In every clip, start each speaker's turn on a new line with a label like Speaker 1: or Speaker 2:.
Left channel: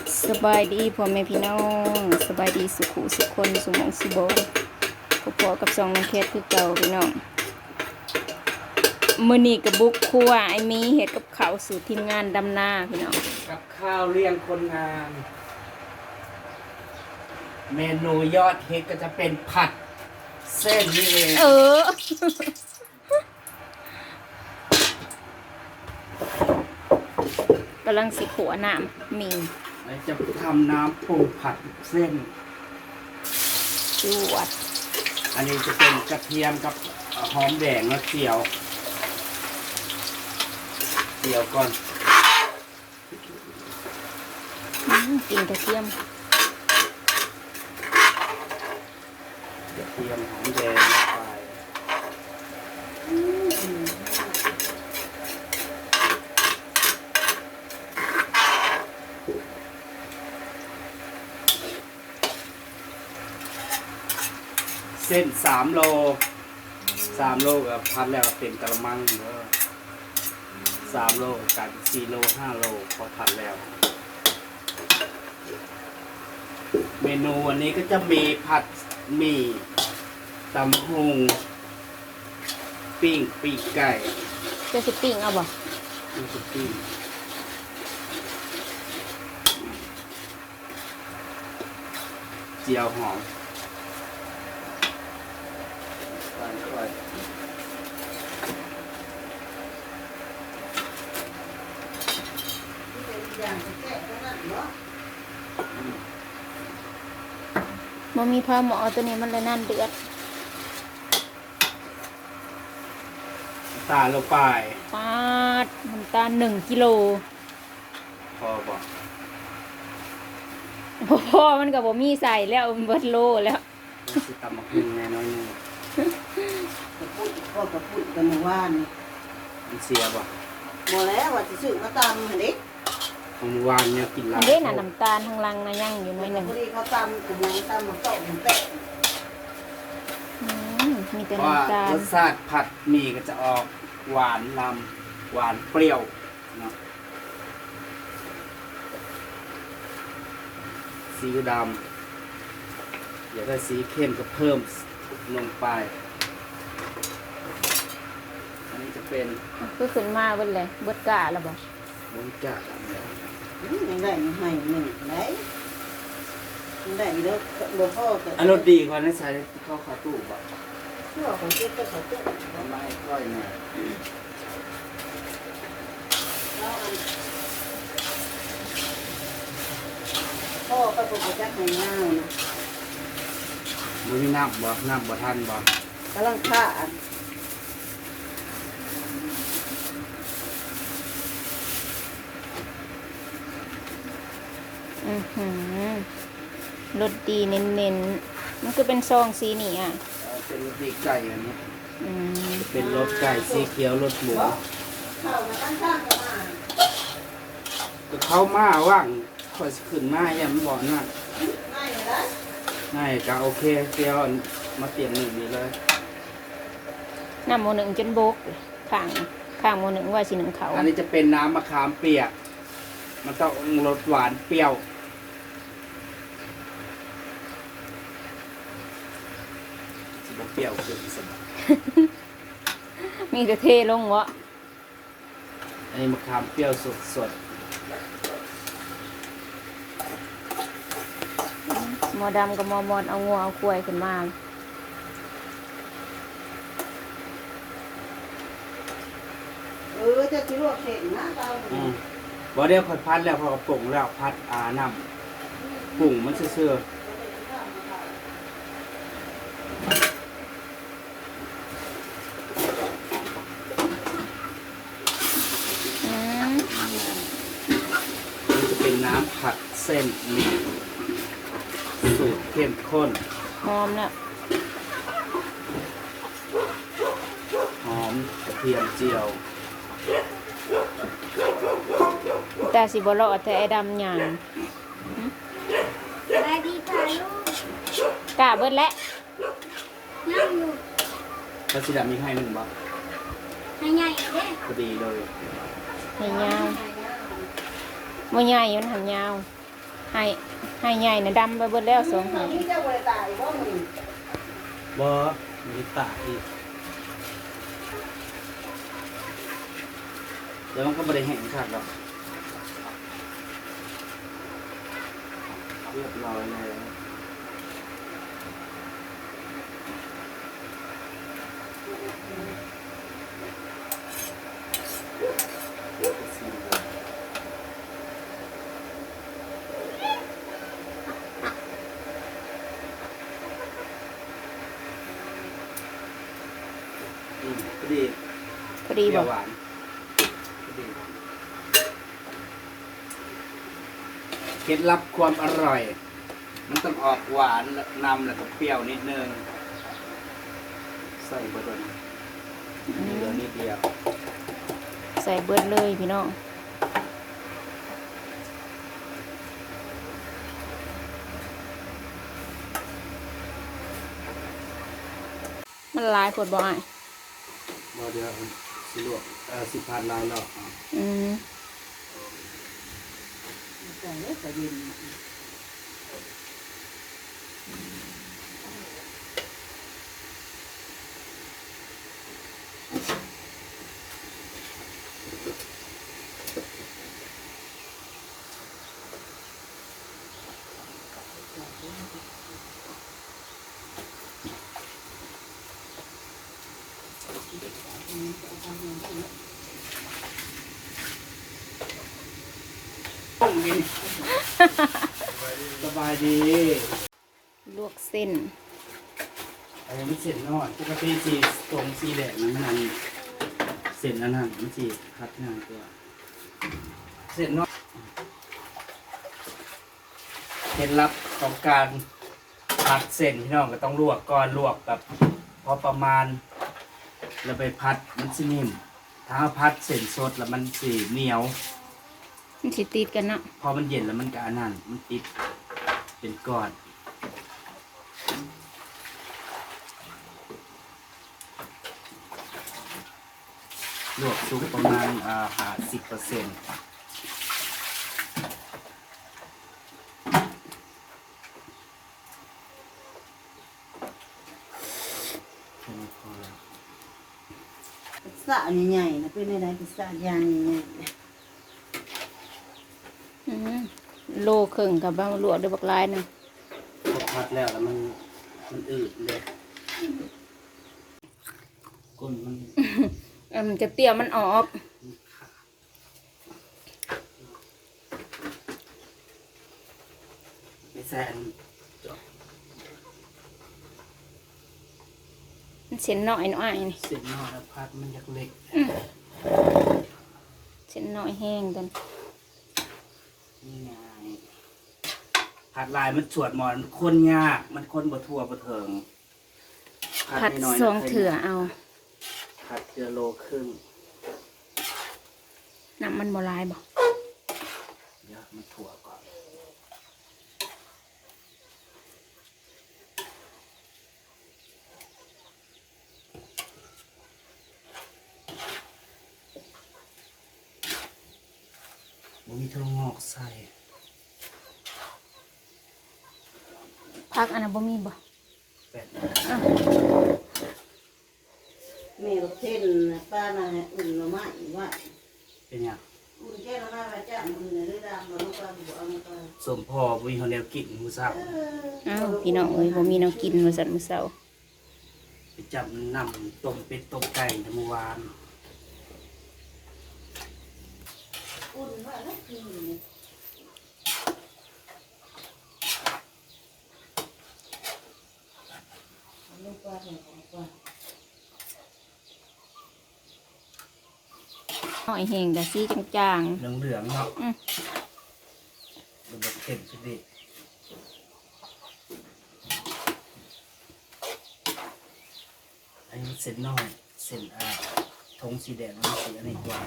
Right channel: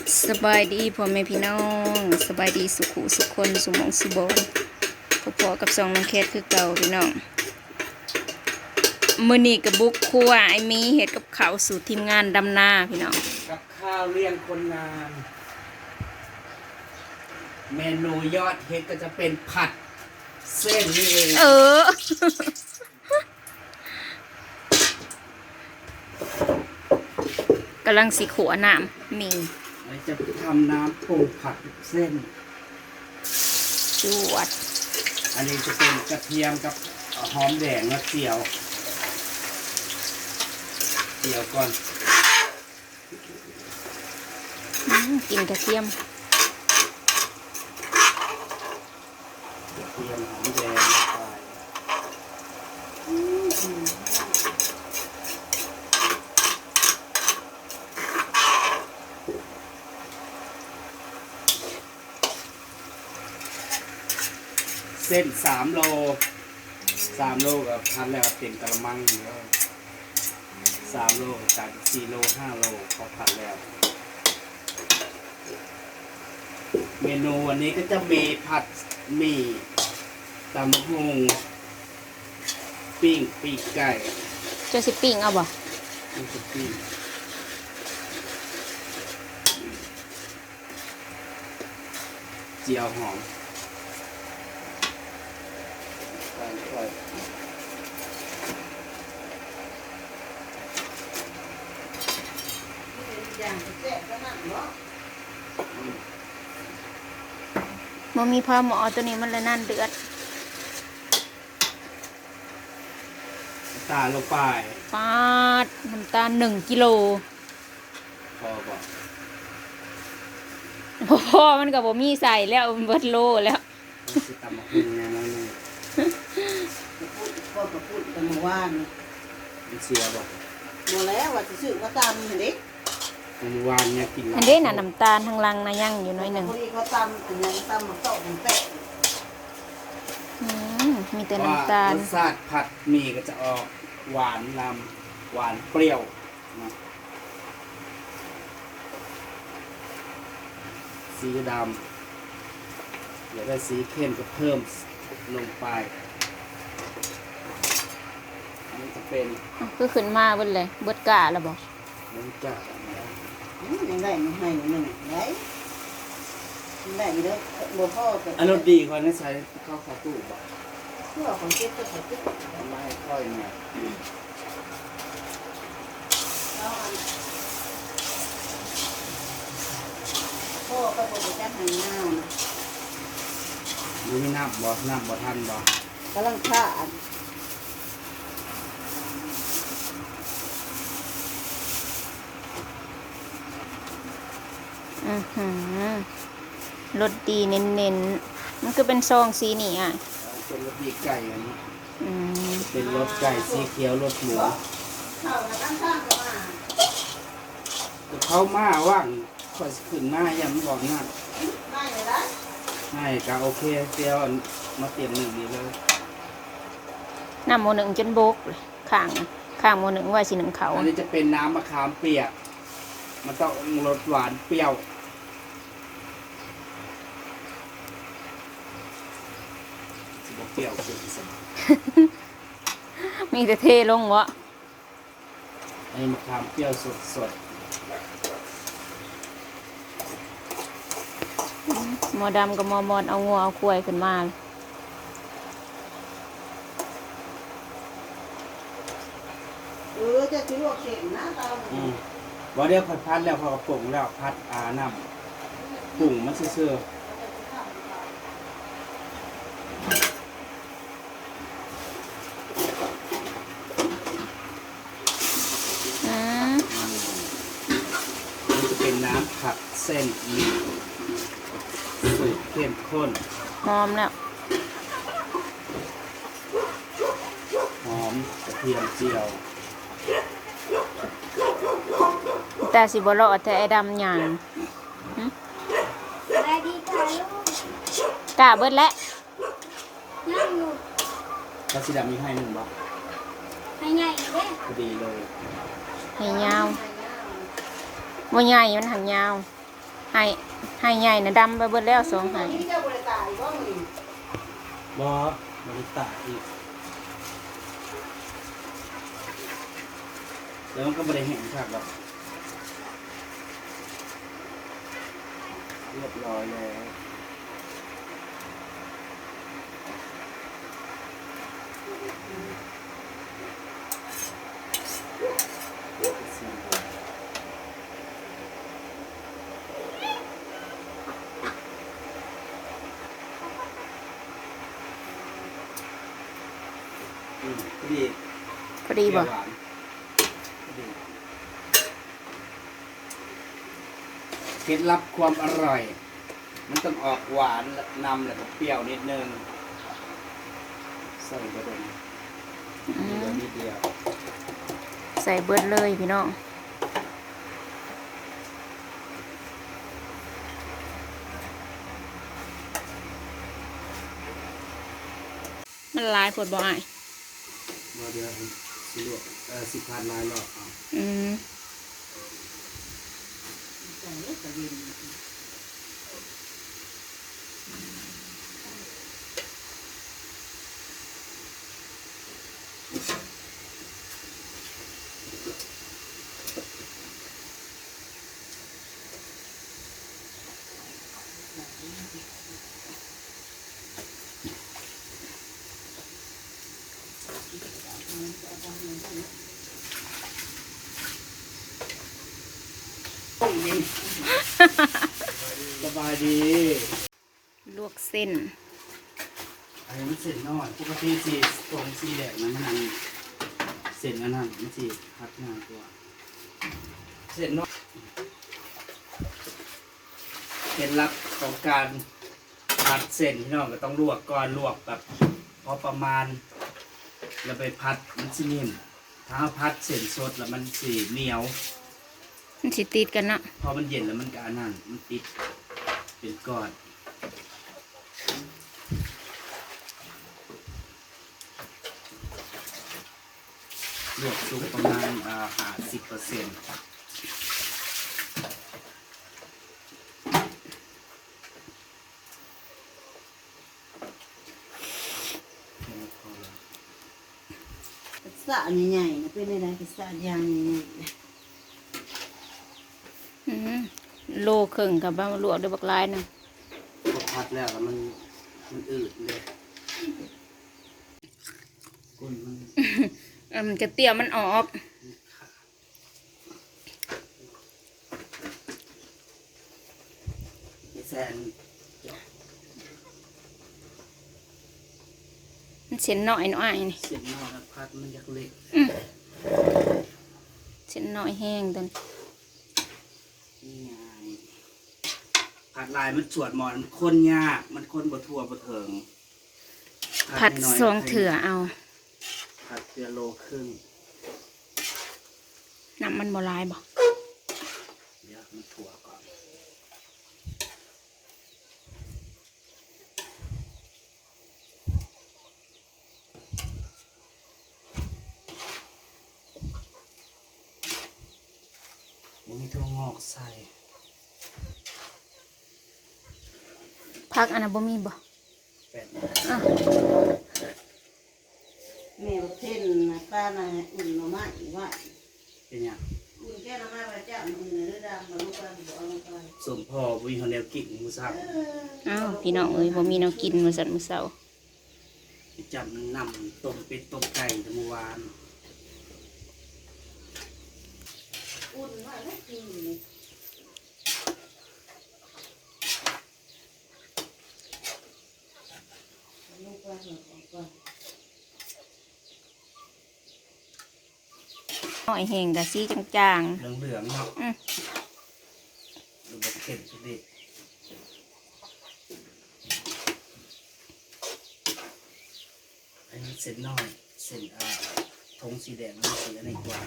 Speaker 1: สบายดีพ่อแม่พี่น้องสบายดีสุขุสุขคนสุหมองสุบอนพอๆกับสองน้องแคทคือเก่าพี่น้องมื้อนี้กับบุกครัวไอ้มีเฮ็ดกับข้าวสู่ทีมงานดำนาพี่น้อง
Speaker 2: กับข้าวเลี้ยงคนงาน เมนูยอดฮิตก็จะเป็นผัดเส้นนี่เอง
Speaker 1: กำลังสิขัวน้ำมี
Speaker 2: จะทำน้ำปรุงผัดเส้น
Speaker 1: จวด
Speaker 2: อันนี้จะเป็นกระเทียมกับหอมแดงและเจียวก่อน
Speaker 1: กินกระเทียม
Speaker 2: หอมแดงลงไปเส้น3 โลกับพัดแล้วเต็มกระมังเยอะ3 โลกับ4 โล 5 โลพอผัดแล้วเมนูวันนี้ก็จะมีผัดหมี่ตำฮงปิ้งไก่
Speaker 1: จะสิปิ้งเอาบ่
Speaker 2: ปิ้งเจียวหอม
Speaker 1: มันมีพอหมอตัวนี้มันเลยนั่นเดือด
Speaker 2: ตาลงไป
Speaker 1: ปาดน้ำตาล1 กิโล
Speaker 2: พอป่ะ
Speaker 1: พ่อมันกับผมมีใส่แล้วมันเบิดโลแล้ว
Speaker 2: สิตำมะพุงแน่นอนนี่
Speaker 3: ก็พูดกันว่า
Speaker 2: มันเสียป่ะ
Speaker 3: หมดแล้วว่าจะซื้อมาตำเห็นดิ
Speaker 2: เมื่อวานเนี่ยกิน
Speaker 1: อันนี้น่ะน้ำตาลทางลังนะยังอยู่น้อยหนึ่ง
Speaker 3: พอดีเขาตำเป็นยังตำมันโตมันเตะ
Speaker 1: มีแต่น้ำตาล
Speaker 2: รสชาติผัดหมี่ก็จะออกหวานลำหวานเปรี้ยวเนาะซีอิ๊วดำเดี๋ยวได้สีเข้มก็เพิ่มลงไปอันนี้จะเป็น
Speaker 1: ก็ขึ้นมาเบิดเลยเบิดกะแล้วบ่
Speaker 2: มุ้งจ่าแล้ว
Speaker 3: ยังได้ให้หนึ่งได้ได้เด้อบ่พ่อก็
Speaker 2: อันรสดีกว่านั้นใช้ข้าวขาตู้บ่
Speaker 3: เพื่อของเจ็บก็ขอเจ็บ
Speaker 2: ไม่ค่อยเนี่ย
Speaker 3: พ่อก็จะจับให้น้า
Speaker 2: มันมีน้ำบ่ทันบ่
Speaker 3: กำลังฆ่า
Speaker 1: รสดีเน้นๆมันก็เป็นซองสีนี่อ่ะ
Speaker 2: เป็นรสดีไก่อันนี้เป็นรสไก่สีเขียวรสหมูเขามาว่างค่อยขึ้นมาอย่างบอกนั่นไม่ก็โอเคเตียวมาเตรียมหนึ่งนี้เลย
Speaker 1: น้ำโมหนึ่งจนบกข้างโมหนึ่งว่าสีหนึ่งเขา
Speaker 2: อันนี้จะเป็นน้ำมะขามเปียกมันต้องรสหวานเปรี้ยวเปรี้ยวขึ้นสม
Speaker 1: มีแต่เทลงวะ
Speaker 2: อันนี้มะขามเปรี้ยวสด
Speaker 1: หมอดำกับหมอมอดเอางัวเอาควายขึ้นมา
Speaker 3: จะชิลวกเสร็จนะตา
Speaker 2: บ่เดี๋ยวผัดพัดแล้วพอปรุงแล้วพัดน้ำปรุงมันเสื่อน้ำผัดเส้นหมี่สูตรเข้มข้น
Speaker 1: หอมแล้ว
Speaker 2: หอมกระเทียมเจียว
Speaker 1: แต่สิบ่รอดแต่ไอ้ดำหยังกะเบิดแล้ว
Speaker 2: ปลาสีดำมีให้1 บาท
Speaker 4: ให้ใหญ่เด้
Speaker 2: พอดีเลย
Speaker 1: ให้ยาวบ่ใหญ่มันหันยาวให้ให้ใหญ่นะดำไปเบิดแล้วสองให้
Speaker 3: นี่เจ้าบริตายบ่มึง
Speaker 2: บอมันจะตายอีกแล้วมันก็ไม่ได้แห้งขาดหรอกเรียบร้อยแล้วพอดี
Speaker 1: พอดีบ่
Speaker 2: หวานพอดีเคล็ดลับความอร่อย มันต้องออกหวานนำแล้วก็เปรี้ยวนิดนึงใส่บะดนเดียวนิดเดียว
Speaker 1: ใส่เบิดเลยพี่น้องมันหลายผดบ่อ้าย
Speaker 2: บ่เดือดสิลวก10,000ลายรอบเอา
Speaker 1: อืม
Speaker 3: ใส่เลยกระเด็น
Speaker 2: สบายดี
Speaker 1: ลวกเส้น
Speaker 2: อันนี้มันเสร็จน้อยปกติสีตรงสีแดงนั้นอันเสร็จอันนั้นมันสีคัดง่ายกว่าเสร็จน้อยเคล็ดลับของการผัดเส้นพี่น้องก็ต้องลวกก่อนลวกแบบพอประมาณแล้วไปพัดมันสินิ่มถ้าเราพัดเส้นสดแล้วมันสีเหนียว
Speaker 1: มันสิติดกันเนาะ
Speaker 2: พอมันเย็นแล้วมันก็อันนั้นมันติดเป็นก้อนลวกสุกประมาณ50%พอแล้ว
Speaker 3: กระสะใหญ่ๆนะเป็นอะไรกระสะยางใหญ่ๆนะ
Speaker 1: อืมโลครึ่งกับบ้าลวกด้วยบักลายหนึง
Speaker 2: พอพัดแล้วมันอืดเลยก้นมัน
Speaker 1: มันจะเตี้ยมันออก
Speaker 2: ไม่แซน
Speaker 1: มันเส้นน้อยน้อยนี่
Speaker 2: เสร็จนอกแล้วพัดมันอยากเล็ก
Speaker 1: เส้นน้อยแห้งเดิน
Speaker 2: นี่ไงผัดลายมันสวดหมอนคนยากมันคนบ่ทั่วบ่เถิง
Speaker 1: ผัด
Speaker 2: นิหน่ย
Speaker 1: ซองเถื่อเอา
Speaker 2: ผัดเกลือโลครึ่ง
Speaker 1: น้ำมันบ่หลายบ่
Speaker 2: เดี๋ยวมันถั่วก่อนบ่มีถั่วงอกใส่
Speaker 1: พักอันนั้นบ่มีบ่
Speaker 2: แป้ง
Speaker 3: แม่บอกเส้นป้าน่ะอุ่นหน่อไม้ว่า
Speaker 2: เป็นหยัง
Speaker 3: อุ่นแค่หน่อไม้ไว้จ้ามือเนื้อดำมาลูกปลาบอกเอามาไป
Speaker 2: สมพอบ่มีคนแนวกินมื้อเช้า
Speaker 1: อ้าวพี่น้องเอ้ยบ่มีแนวกินมื้อสันมื้อเช้า
Speaker 2: ไปจับน้ำต้มเป็ดต้มไก่เมื่อวาน
Speaker 3: อุ่นไว้แล้วกินอยู่นี่เอาลูกปลาใส่ของก่อน
Speaker 1: น้อยแห้งก็สีจาง
Speaker 2: เหลืองๆเนาะ
Speaker 1: อืม
Speaker 2: ดูแบบเข็มสิดิอันนี้เส้นน้อยเส้นธงสีแดงมันสีอันนี้กว่า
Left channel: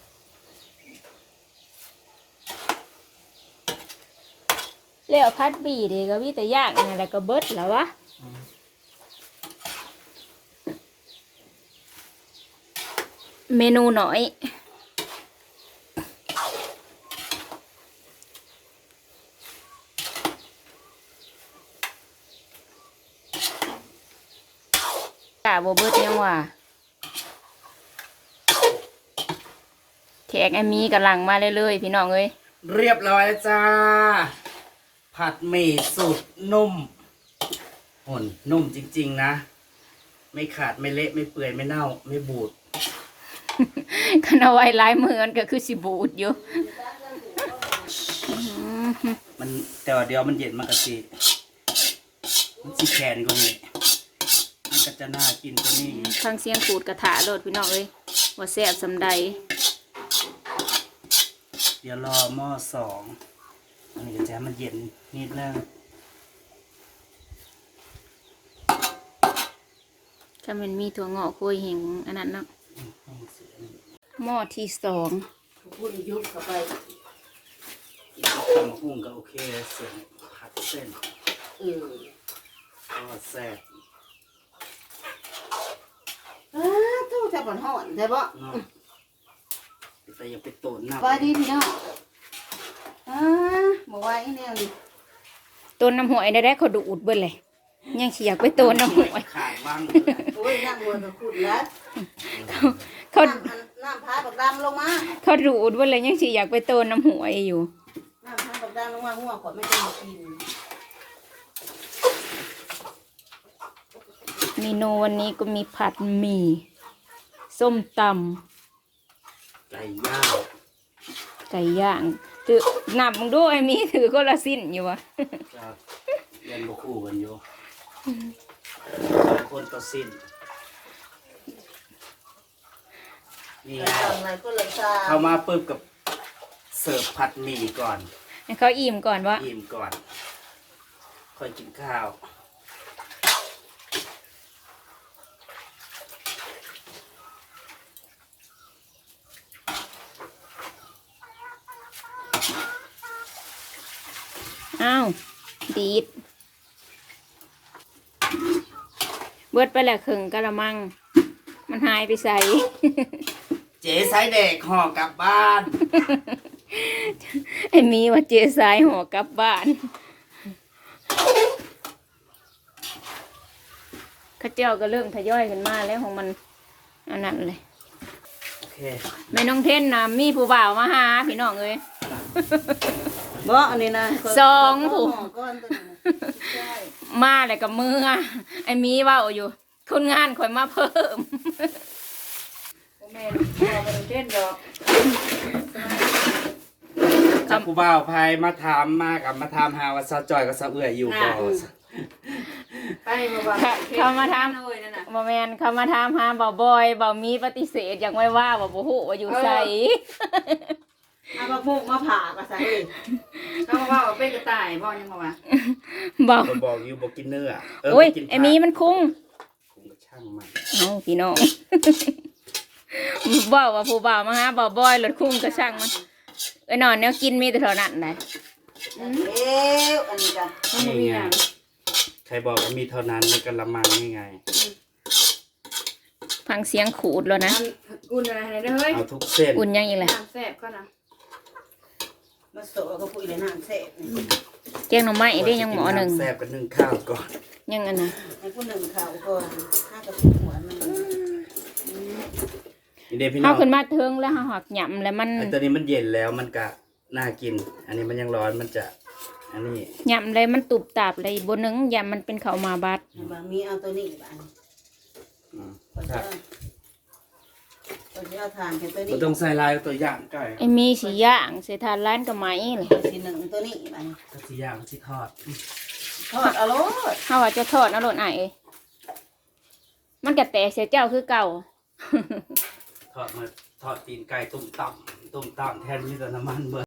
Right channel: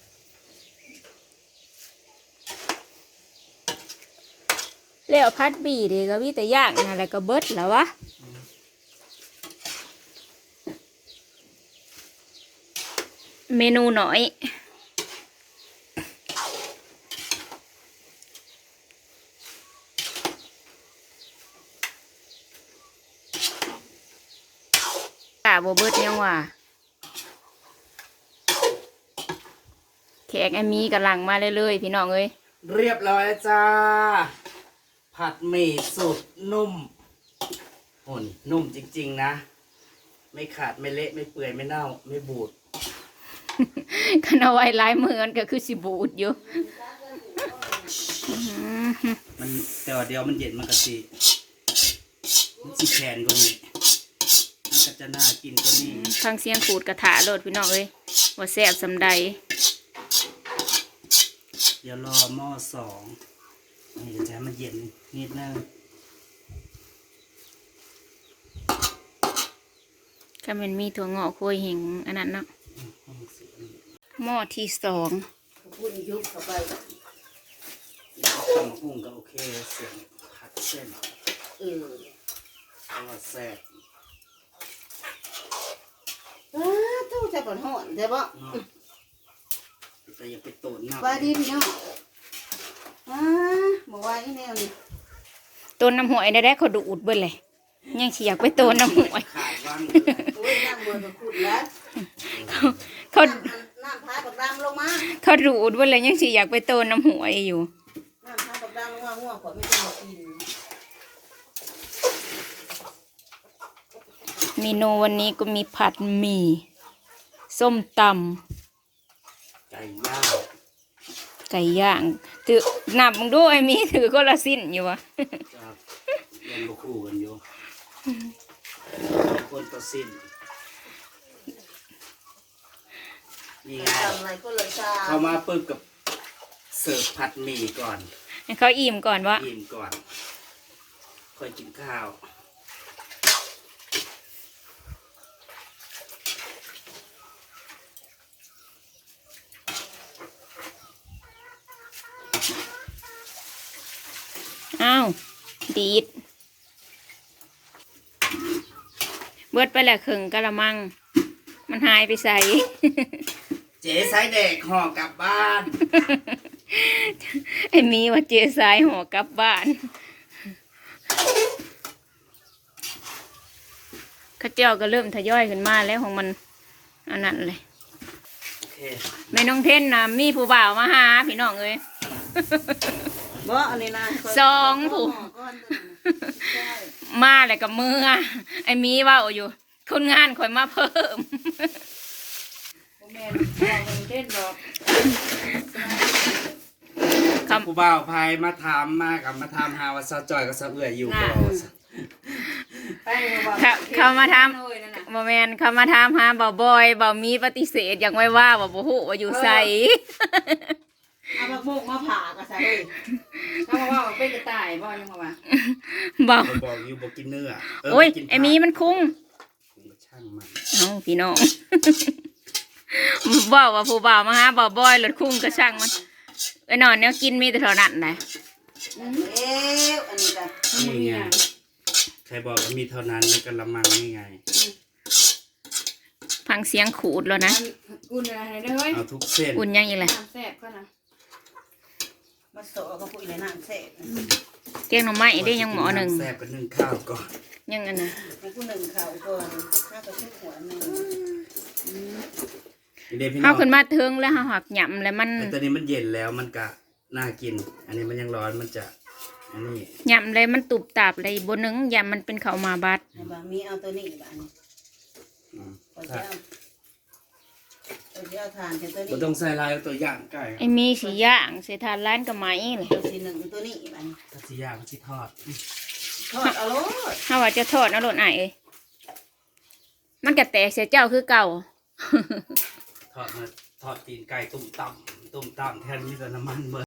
Speaker 1: ๆแล้วพัดบีเด้ก็มีแต่ย่างอะไรก็เบิดแล้ววะเมนูหน่อยบ่เบิดยังว่าแขกไอ้มีกำลังมาเรื่อยๆพี่น้องเอ้ย
Speaker 2: เรียบร้อยแล้วจ้า ผัดหมี่สูตรนุ่มหุ่นนุ่มจริงๆนะ ไม่ขาดไม่เละไม่เปื่อยไม่เน่าไม่บูด
Speaker 1: คันเอาไว้หลายมือมันก็คือสิบูดอยู่
Speaker 2: มันแต่ว่าเดี๋ยวมันเย็นมันก็สิมันสิแข็งกว่านี้มันก็จะน่ากินกว่านี้
Speaker 1: ฟังเสียงขูดกระถาโลดพี่น้องเอ้ยว่าแซ่บสำใด
Speaker 2: เดี๋ยวรอหม้อสองอันนี้ก็จะให้มันเย็นนิดนึง
Speaker 1: ถ้ามันมีถั่วงอกโคยเห็งอันนั้นเนาะหม้อที่สอง
Speaker 3: พูดยุบเข้าไป
Speaker 2: ต้มหุ้งก็โอเคเสียงผัดเส้น ก็แซ่บ
Speaker 3: ตู้จะบ่ฮ้อนได้บ่
Speaker 2: เนาะแต่อย่าไปโตนน้ำ
Speaker 3: ไปดีพี่น้องบ่ว่าอีแนวนี่
Speaker 1: ต้นน้ำหวยได้เขาดูดเบิ่เลยยังสิอยากไปต้นน้ำหวย
Speaker 2: ขาดว่างเลย
Speaker 3: โอ้ยนั่งบนก็ขุดแล้ว
Speaker 1: เขา
Speaker 3: น้ำพาบักดำลงมา
Speaker 1: เขาดูดเบิ่เลยยังสิอยากไปต้นน้ำหวยอยู่
Speaker 3: น้ำพาบักดำลงมาหัวขวดไม่จะมากิน
Speaker 1: เมนูวันนี้ก็มีผัดหมี่ส้มต
Speaker 2: ไก่ย่าง
Speaker 1: ำไก่ย่างถือนับมึงดูไอ้มีถือก็ละสิ้นอยู่วะ
Speaker 2: จะเรียนบ่คู่กันอยู่คนต่อสิ้นนี่ไง
Speaker 3: อะไรก็เลยชา
Speaker 2: เข้ามาปึ๊บกับเสิร์ฟผัดหมี่ก่อน
Speaker 1: ให้เขาอิ่มก่อนวะ
Speaker 2: อิ่มก่อน ค่อยกินข้าว
Speaker 1: อ้าวดีดเบิดไปแหละครึ่งกะละมัง มันหายไปใส่
Speaker 2: เจ๊สายเด็กห่อกลับบ้าน
Speaker 1: ไอ้มีว่าเจสายห่อกลับบ้านข้าเจ้าก็เริ่มทยอยขึ้นมาแล้วของมันอันนั้นเลย
Speaker 2: โอเค
Speaker 1: แม่น้องเท่นนะมีผู้บ่าวมาหาพี่น้องเอ้ย
Speaker 3: บ่อันนี้นะ
Speaker 1: สองผู้
Speaker 3: ก้อนตัวนี้ใช่
Speaker 1: มาเลยกับมือไอ้มีเว่าอยู่คนงานคอยมาเพิ่ม
Speaker 3: แม่เราเล่นบอก
Speaker 1: ครับ
Speaker 2: ผู้บ่าวพายมาถามมากับมาถามหาว่าซาจอยกับซาเอื่อยอยู่บ่
Speaker 3: ไปมาบอก
Speaker 1: เขามาทำบอแมนเขามาทำหาบ่าวบอยบ่าวมีปฏิเสธอย่างไว้ว่าบ่าวหูว่าอยู่ใส่
Speaker 3: เอามาบุกมาผ่าก็ใส่เลยเอามาว่าเป็นกระต่ายบ่ยังมาว่า
Speaker 1: บ่าว
Speaker 2: ผมบอกอยู่บอกกินเนื้อ
Speaker 1: โอ้ย
Speaker 2: กินผัก
Speaker 1: ไอ้มีมันคุ้ง
Speaker 2: ผมก็ช่างมัน
Speaker 1: เอาพี่น้อง บอกว่าผู้บ่าวมาหาบ่าวบอยรถคุ้งก็ช่างมันไอ้นอนเนี่ยกินมีแต่เท่านั้นนะ
Speaker 3: เอ้วอันนี้กัน
Speaker 2: นี่ไงใครบอกว่ามีเท่านั้นในกระมังนี่ไง
Speaker 1: ฟังเสียงขูดแล้วนะ
Speaker 5: อุ่นอะไรเด้อเฮ้ย
Speaker 2: เอาทุกเส้น
Speaker 1: อุ่นยังอีกเลย
Speaker 5: น้ำแซ่บก็นะ
Speaker 3: มาโสก็พูดในน้ำเสร็จ
Speaker 1: แจ้งหน่อไม้ได้ยังหมอหนึ่ง
Speaker 2: แซ่บกันนึ่งข้าวก่อน
Speaker 1: ยังอันนะ
Speaker 3: ให้ผู้หนึ่งเขาก่อนข้าวกับผู้หัวหนึ่ง
Speaker 2: นี่เดี๋ยวพี่น้
Speaker 1: เข้า
Speaker 2: อง
Speaker 1: ขึ้นมาเทิงแล้วหักหยำแล้วมัน
Speaker 2: ไอ้ตัวนี้มันเย็นแล้วมันก็น่ากิน อันนี้มันยังร้อนมันจะ อันนี้
Speaker 1: หยำเลยมันตุบตับเลยบนหนึ่งยำมันเป็นข้าวมาบัด
Speaker 3: บางมีเอาตัวนี้บ้าน
Speaker 2: อืม
Speaker 3: ก็จะเอาทานเจ้าตัว
Speaker 2: มัน
Speaker 3: นี้
Speaker 2: ต้องใส่ลายตัวอย่างไก่
Speaker 1: ไอ้มีสีย่างเสถานร้านกับไหมเลย
Speaker 3: ทีหนึ่งตัวนี้บ้าน
Speaker 2: ถ้าสิย่างสิทอด
Speaker 3: ทอดเอาโลด
Speaker 1: ถ้าว่าจะทอดนะโหลดไอ้ายมันกระแตกเสียเจ้าคือเก่า
Speaker 2: ทอดมาทอดตีนไก่ตุ่มต่ำแทนนี้ก็น้ำมันเบอ